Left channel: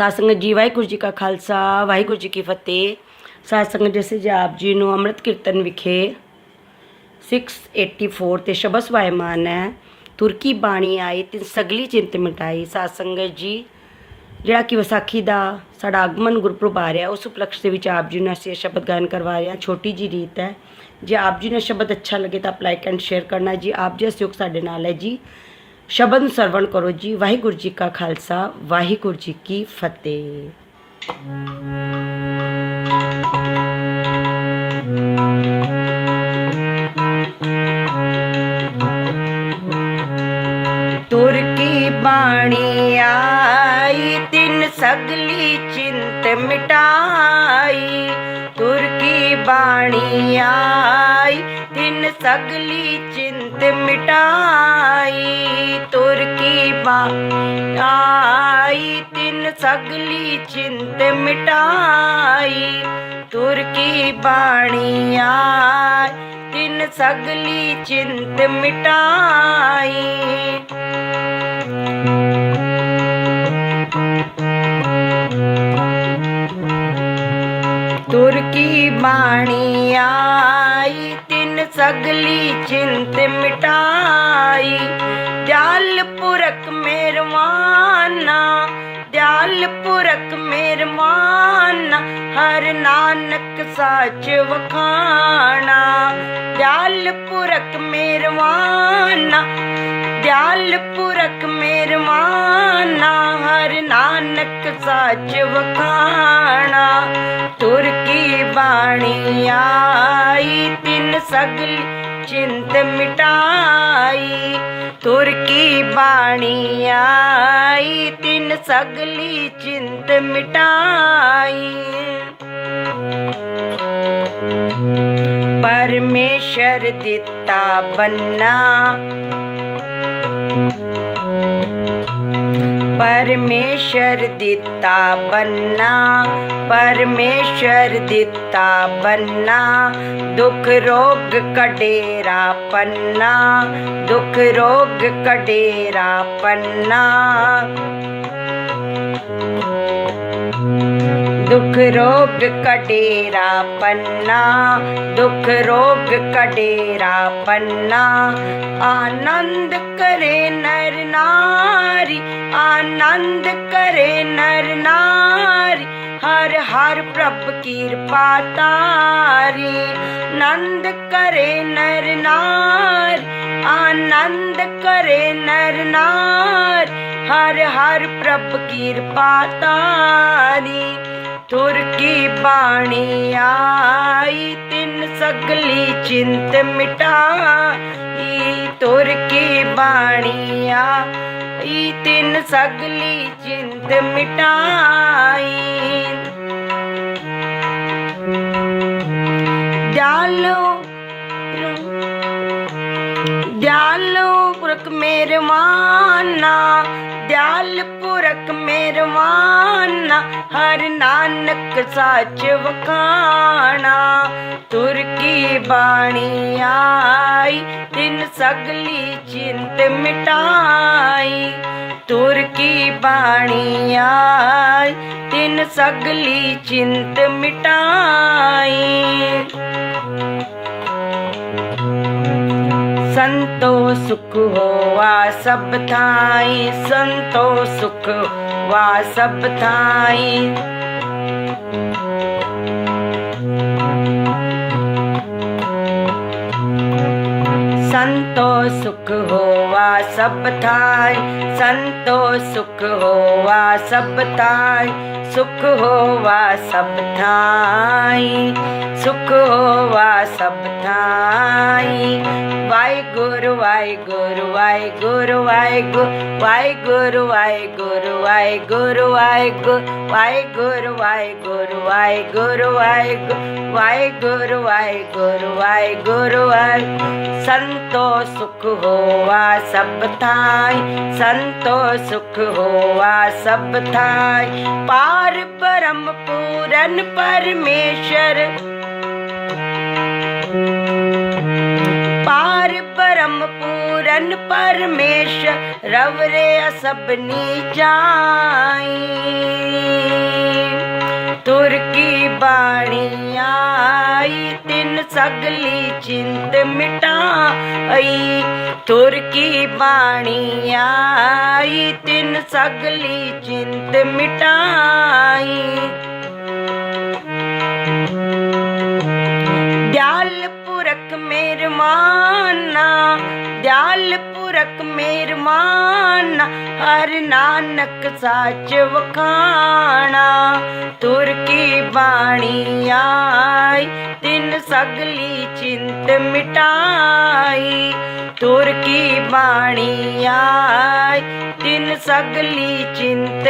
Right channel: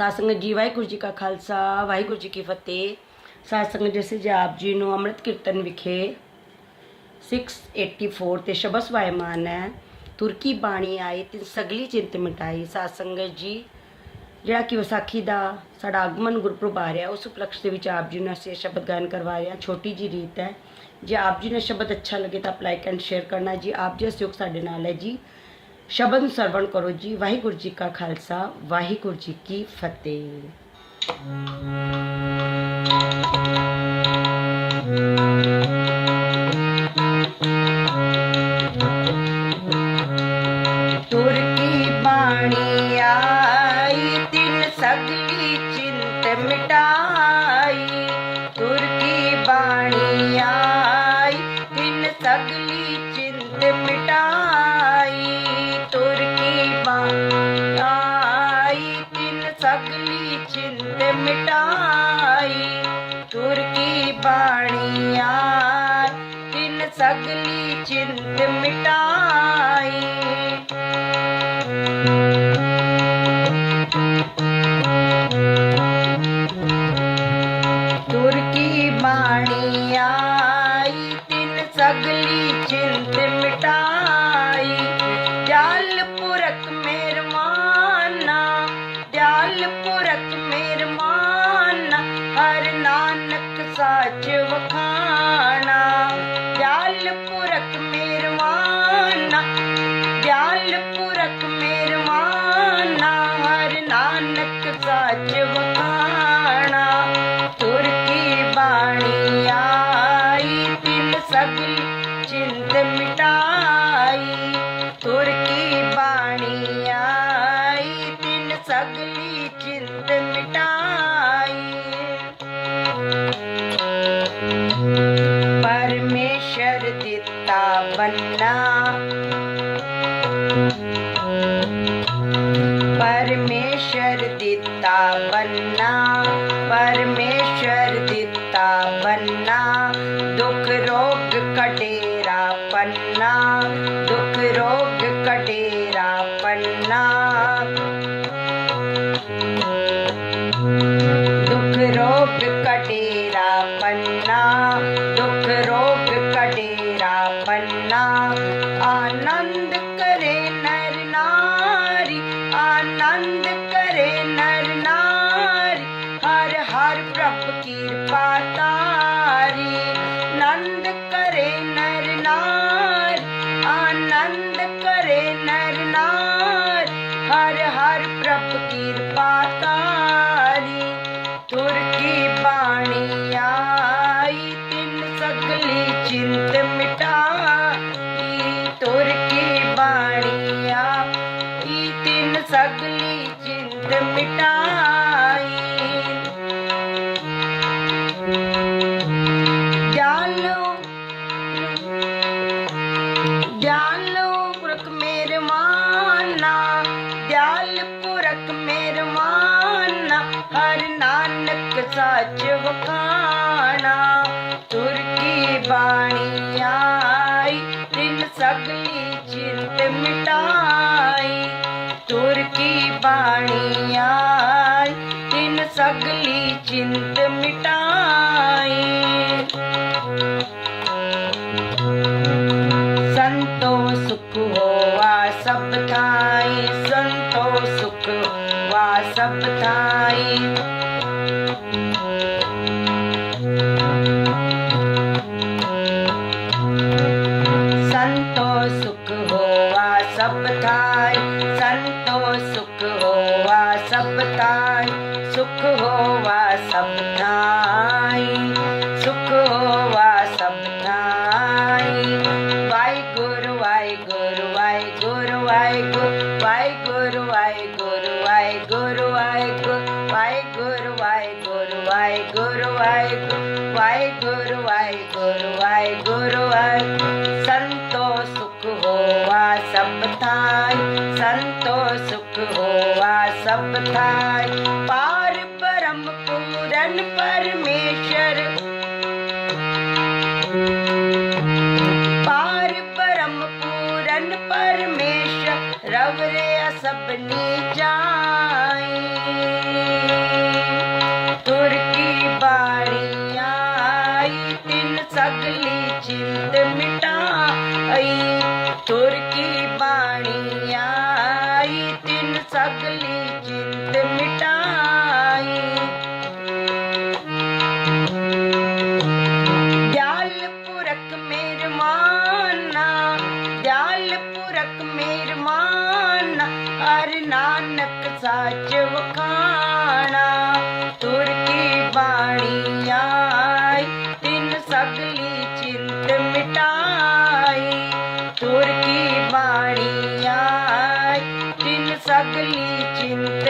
ਸਾਧ ਸੰਗਤ ਜੀ, ਵਾਹਿਗੁਰੂ ਜੀ ਕਾ ਖਾਲਸਾ, ਵਾਹਿਗੁਰੂ ਜੀ ਕੀ ਫਤਿਹ। ਸਾਧ ਸੰਗਤ ਜਿਸੇ ਜੀ ਆਪ ਜੀ ਨੂੰ ਅੰਮ੍ਰਿਤ ਕੀਰਤਨ ਵਿਖੇ 684 ਤੇ ਸ਼ਬਦ ਸਵਾਇਮਾਨ ਹੈ। ਤੁਰਕੀ ਬਾਣੀ ਆਈ ਤੇ ਸਗਲੀ ਚਿੰਤ ਮਿਟਾਈ। ਸਾਧ ਸੰਗਤ ਜੀ, ਜਿਹੜਾ ਕਿ ਵਿਸਾਖੀ ਦਾ ਸਾਡਾ ਆਗਮਨ ਗੁਰਪੁਰਬ ਆ ਰਿਹਾ, ਉਸ ਉਪਲਕਸ਼ ਦੇ ਵਿੱਚ ਆਪ ਜੀ ਨੂੰ ਅਸੀਂ ਇਹ ਸ਼ਬਦ ਗਾਇਨ ਕਰਵਾ ਰਹੇ ਹਾਂ। ਛੋਟੀ ਜੀ ਰੀਤ ਹੈ। ਜੇ ਆਪ ਜੀ ਨੂੰ ਸ਼ਬਦ ਅੱਛਾ ਲੱਗੇ ਤਾਂ ਆਪ ਲਾਈਕ ਐਂਡ ਸ਼ੇਅਰ ਕਰਨਾ ਜੀ ਆਪ ਜੀ ਦਾ ਸਹਿਯੋਗ ਸਾਡੇ ਨਾਲ ਹੈ ਜੀ ਸ਼ਬਦ ਸਰਵਣ ਕਰੋ ਜੀ। ਵਾਹਿਗੁਰੂ ਜੀ ਕਾ ਖਾਲਸਾ ਵਾਹਿਗੁਰੂ ਜੀ ਕੀ ਫਤਿਹ। आई तिन सगली चिंत मिटाई तुर की बाणी आई तिन सगली चिंत मिटाई ਨਾਨਕ ਸਾਚ ਵਖਾਣਾ ਦਿਆਲ ਪੁਰਖ ਮਿਹਰਵਾਨਾ ਮੇਰਵਾਨਾ, ਹਰ ਨਾਨਕ ਸਾਚ ਵਖਾਣਾ। ਤੁਰ ਕੀ ਬਾਣੀ ਆਈ, ਤਿੰਨ ਸਗਲ ਚਿੰਤ ਮਿਟਾਈ। ਤੁਰ ਕੀ ਬਾਣੀ ਆਈ, ਤਿੰਨ ਸਗਲੀ ਚਿੰਤ ਮਿਟਾਈ। ਬੰਨਾ ਪਰਮੇਸ਼ਰ ਦਿੱਤਾ ਬੰਨਾ ਪਰਮੇਸ਼ਰ ਦਿੱਤਾ ਬੰਨਾ ਦੁੱਖ ਰੋਗ ਕਟੇਰਾ ਪੰਨਾ ਦੁੱਖ ਰੋਗ ਕਟੇਰਾ ਪੰਨਾ ਦੁੱਖ ਰੋਗ ਕਟੇਰਾ ਪੰਨਾ ਦੁੱਖ ਰੋਗ ਸਗਲੀ ਚਿੰਤ ਮਿਟਾਈ। ਜਾਲੋ ਦਿਆਲ ਪੁਰਖ ਮੇਰਵਾਨਾ ਦਿਆਲ ਪੁਰਖ ਮਿਹਰਵਾਨਾ ਹਰ ਨਾਨਕ ਸਾਚ ਵਖਾਣਾ। ਤੁਰ ਕੀ ਬਾਣੀ ਆਈ, ਤਿੰਨ ਸਗਲੀ ਚਿੰਤ ਮਿਟਾਈ ਕੀ ਬਾਣੀ ਆਈ? ਤਿੰਨ ਸਗਲੀ ਚਿੰਤ ਮਿਟਾਈ। ਸੰਤੋ ਸੁਖ ਹੋਆ ਸਭ ਥਾਈ। ਸੰਤੋ ਸੁਖ ਵਾ ਸਭ ਥਾਈ। ਸੰਤੋ ਸੁਖ ਹੋਆ ਸਭ ਥਾਈ। ਸੁਖ ਹੋਆ ਸਭ ਥਾਈ ਸੁਖ ਹੋਵਾ ਸਭ ਥਾਈ, ਸੁਖ ਹੋਵਾ ਸਭ ਥਾਈ। ਵਾਹਿਗੁਰੂ ਵਾਹਿਗੁਰੂ ਵਾਹਿਗੁਰੂ ਵਾਹਿਗੁਰੂ ਵਾਹਿਗੁਰੂ ਹੋਆ ਸਭ ਥਾਈ। ਪਾਰ ਪਰਮ ਪੂਰਨ ਪਰਮੇਸ਼ਰ। ਪਾਰ ਪਰਮ ਪੂਰਨ ਪਰਮੇਸ਼ਰ, ਰਵ ਰੇ ਸਭਨੀ ਜਾਈ। ਤੁਰ ਕੀ ਬਾਣੀ ਆਈ, ਤਿੰਨ ਸਗਲੀ ਚਿੰਤ ਮਿਟਾਈ। ਤੁਰ ਕੀ ਬਾਣੀ ਆਈ ਤਿੰਨ ਸਗਲੀ ਚਿੰਤ ਮਿਟਾਈ। ਦਿਆਲ ਪੁਰਖ ਮਿਹਰਮਾਨਾ ਦਿਆਲ ਪੁਰਖ ਮਿਹਰਮਾਨਾ ਹਰ ਨਾਨਕ ਸਾਚ ਵਖਾਣਾ, ਤੁਰ ਕੀ ਬਾਣੀਆਂ ਤਿੰਨ ਸਗਲੀ ਚਿੰਤ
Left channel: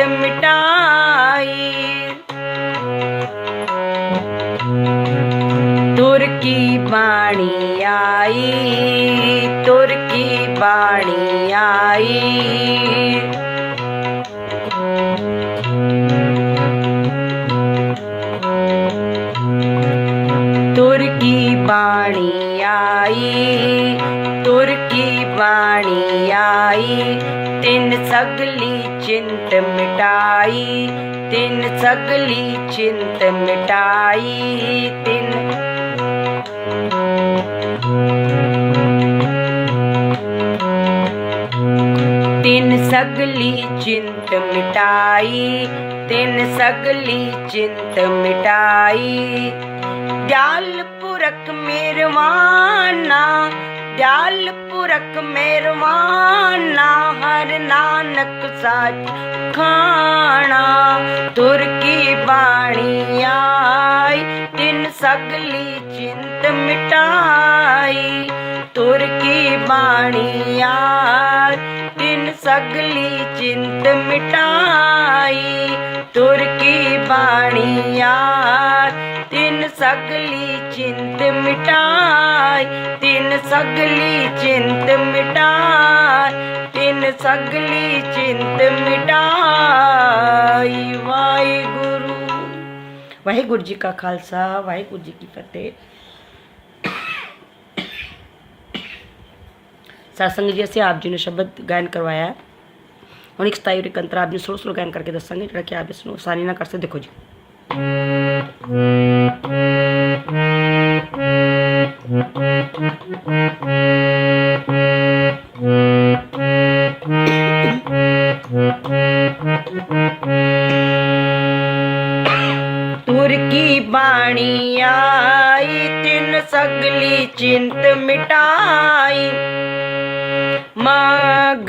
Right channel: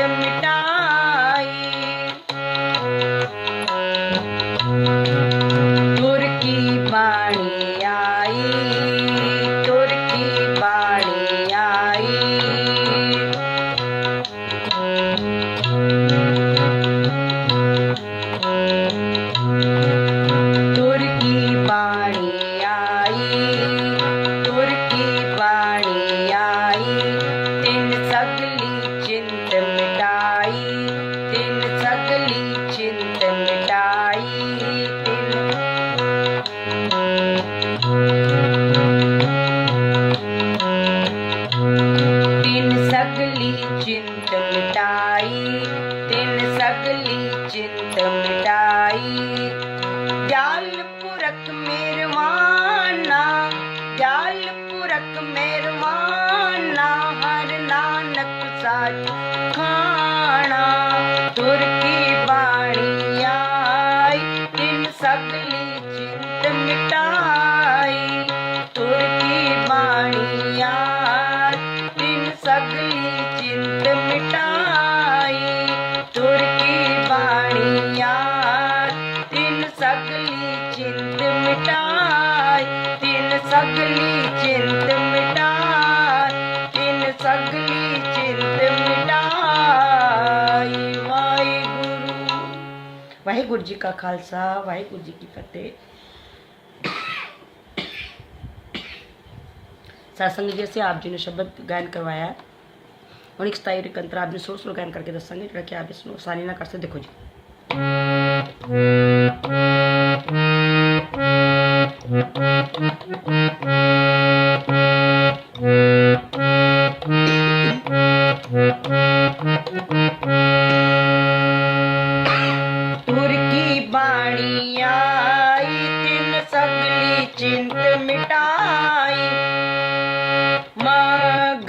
ਪੁਰਖ ਮਿਹਰਮਾਨਾ ਹਰ ਨਾਨਕ ਸਾਚ ਵਾਹਿਗੁਰੂ ਜੀ ਕਾ ਖਾਲਸਾ ਵਾਹਿਗੁਰੂ ਜੀ ਕੀ ਫਤਿਹ ਸਤਸੰਗ ਜੀ ਅਸੀਂ ਆਪ ਜੀ ਨੂੰ ਸ਼ਬਦ ਗਾਇਨ ਕਰਵਾਇਆ ਹੈ ਹੁਣ ਇੱਕ ਸਤਾਈ ਰਿਕੰਤਰ ਆਪ ਜੀ ਸਲੋ ਸਲੋ ਗਾਇਨ ਕਰਕੇ ਦੱਸਾਂਗੇ ਜਿਹੜਾ ਕਿ ਆਪ ਇਸ ਨੂੰ ਆਸਾਨੀ ਨਾਲ ਕਰ ਸਕਦੇ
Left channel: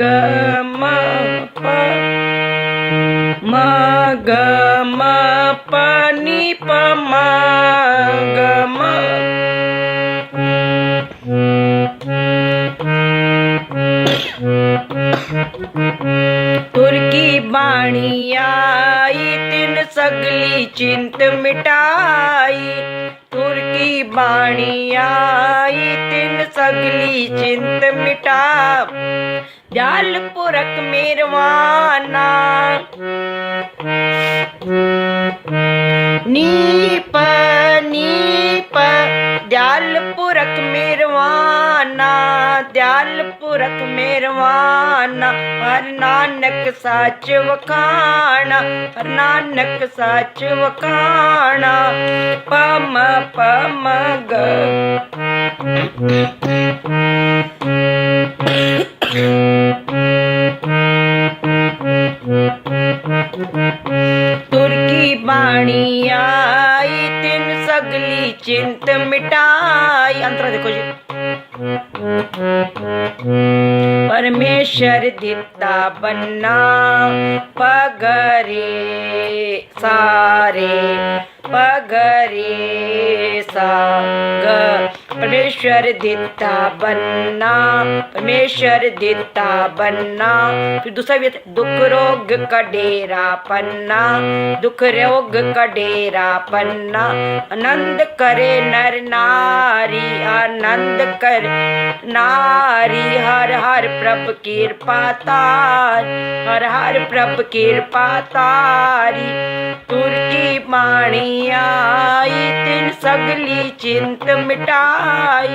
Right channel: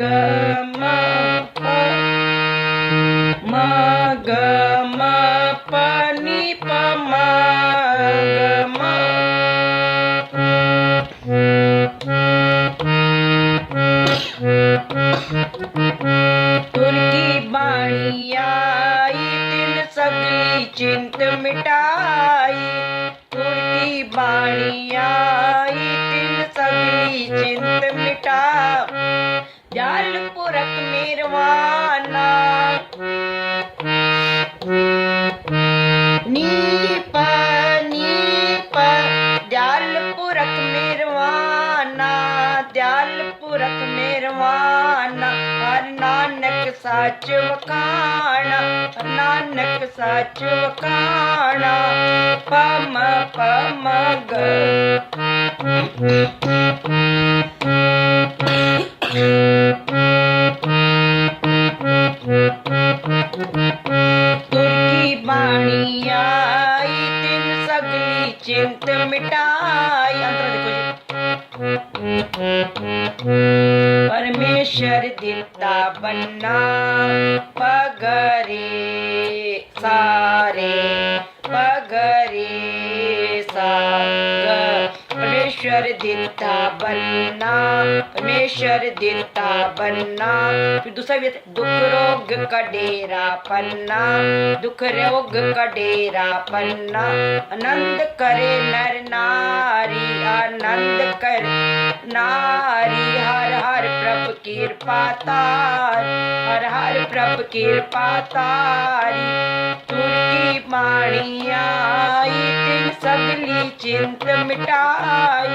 ਮਗ ਮ ਪ ਮਗ ਮ ਪ ਨੀ ਪ ਮਗ ਮ ਤੁਰ ਕੀ ਬਾਣੀ ਆਈ ਤਿੰਨ ਸਗਲੀ ਚਿੰਤ ਮਿਟਾਈ ਤੁਰਕੀ ਬਾਣੀ ਆਈ ਤਿੰਨ ਸਗਲੀ ਚਿੰਤ ਮਿਟਾ ਜਲ ਪੁਰਖ ਮਿਰਵਾਨਾ। ਨੀਪ ਨੀਪ ਦਿਆਲ ਪੁਰਖ ਮਿਰਵਾਨਾ ਦਿਆਲ ਪੁਰਖ ਹਰ ਨਾਨਕ ਸੱਚ ਵਖਾਣਾ, ਹਰ ਨਾਨਕ ਸੱਚ ਵਖਾਣਾ। ਪਮ ਪਮ ਗ। ਪਰਮੇਸ਼ਰ ਦਿੱਤਾ ਬੰਨਾ ਪਗਰੇ ਸਾਰੇ ਪਗਰੇ ਸਾਗ ਪਰਮੇਸ਼ਰ ਦਿੱਤਾ ਬੰਨਾ ਪਰਮੇਸ਼ਰ ਦਿੱਤਾ ਬੰਨਾ ਫਿਰ ਦੂਸਰਾ ਵੀ ਹੈ, ਦੁੱਖ ਰੋਗ ਕਡੇਰਾ ਪੰਨਾ ਦੁੱਖ ਰੋਗ ਕਡੇਰਾ ਪੰਨਾ ਆਨੰਦ ਕਰੇ ਨਰ ਨਾਰੀ ਆਨੰਦ ਕਰ ਨਾਰੀ ਹਰ ਹਰ ਪ੍ਰਭ ਕਿਰਪਾ ਤਾਰ ਹਰ ਹਰ ਪ੍ਰਭ ਕਿਰਪਾ ਤਾਰੀ ਤੁਰ ਕੀ ਬਾਣੀ ਆਈ ਤਿਨ ਸਗਲੀ ਚਿੰਤ ਮਿਟਾਈ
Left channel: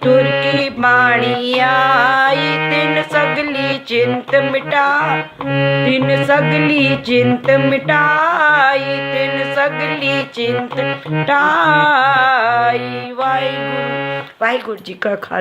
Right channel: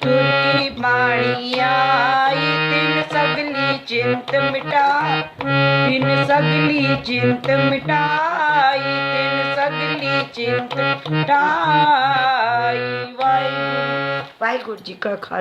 ਤੁਰ ਕੀ ਬਾਣੀ ਆਈ ਤਿਨ ਸਗਲੀ ਚਿੰਤ ਮਿਟਾ ਤਿਨ ਸਗਲੀ ਚਿੰਤ ਮਿਟਾਈ ਤਿਨ ਸਗਲੀ ਚਿੰਤ ਮਿਟਾਈ ਵਾਹਿਗੁਰੂ ਵਾਹਿਗੁਰੂ ਜੀ ਕਾ ਖਾਲਸਾ